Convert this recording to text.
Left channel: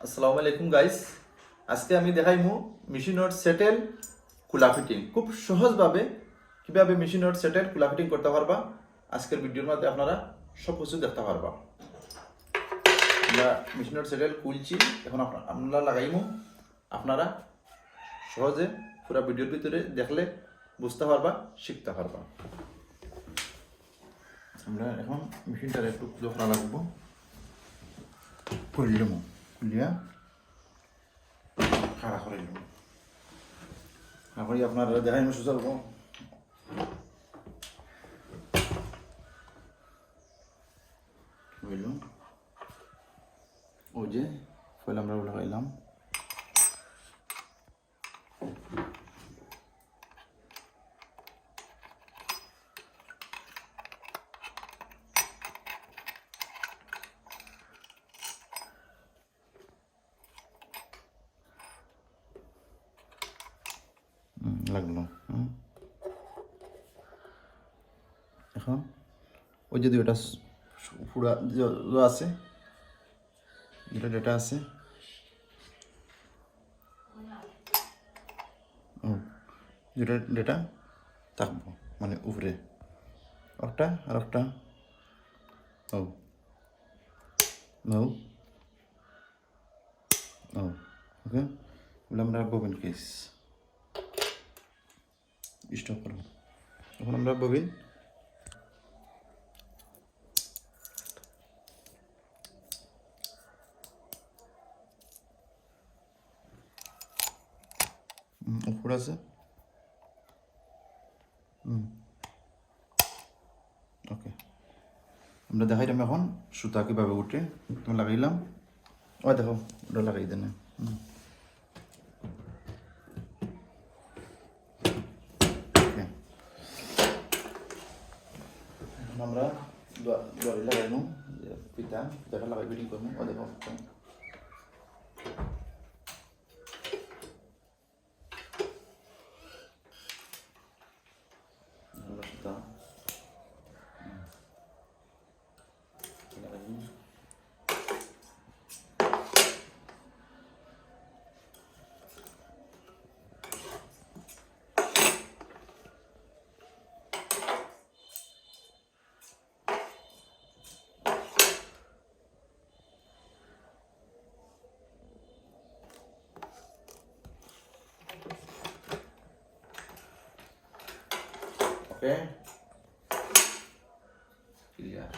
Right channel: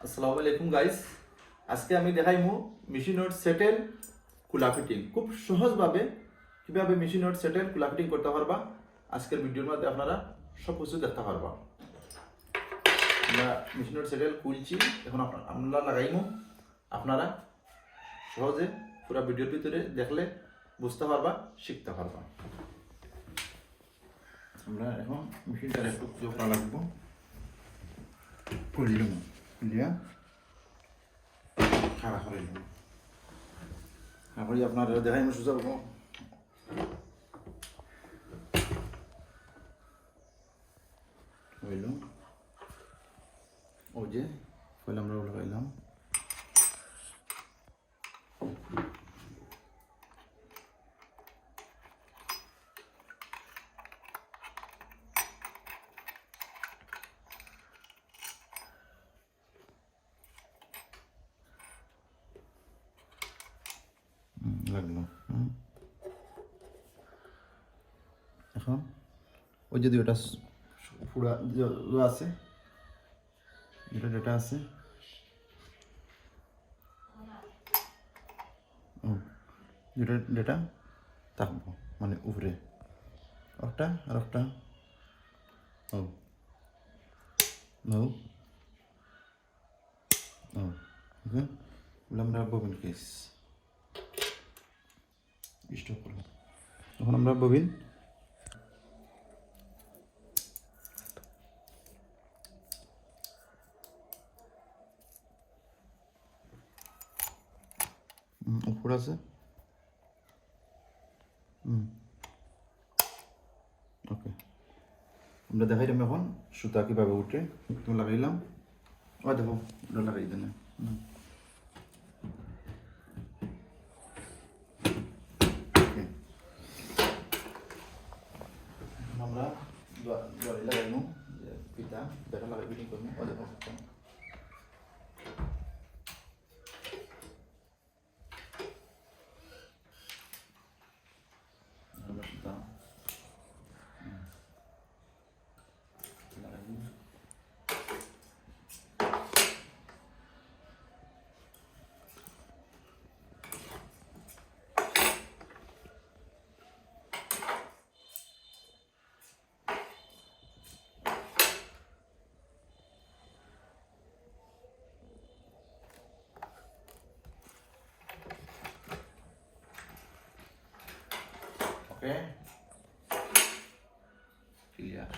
আসসালামু আলাইকুম গাইস আজকে আমি দেখাইমু মেশিনোর সেটেল কুলা ফিটিং খুব সহজভাবে কীভাবে মেশিনোর সেটেল কুলা ফিটিং করতে পারবা, আজকের ভিডিওর মধ্যে আপনারা সব কিছু দেখতে পারবা। আমরা মেশিনোর সেটেল খুলছি, এখন আপনা- আপনারা লাগাইমু। আপনারা সহজে পুরো ভিডিওর ভিতরে দেখলে বুঝতে পারবা, শিখতে পারবা। আমরা এখন মেশিনটা একটু লাগবো। খুললাম খুলিয়া খাড়া করে? আপনার দেখাই মুসু যাব বুঝলুম ওই যে ফল আমরা লাগাইলাম হুম, লাগল এখন? ওই যদি ওটা স- পুরা য- য আছে, যেটা ডেটা আছে। ও, যেটা ডেটা থাকব মানে উপরে। একটা আর একটা। ও। ওকে? আমরা ববিন কেস স্টপ করব এখন আমরা ববিন। উপর আছে? ওকে। আমরা দেখাইলাম এখন সুতা কীভাবে উঠে। লাগাইলাম। ও দেখো, ওটা লাগাই দেন। হুম ওকে এখন আমরা জলে লাগাইমু পিতা দেখা লাগাই বিডিং করব ও দেখো আমরা okay? Yeah.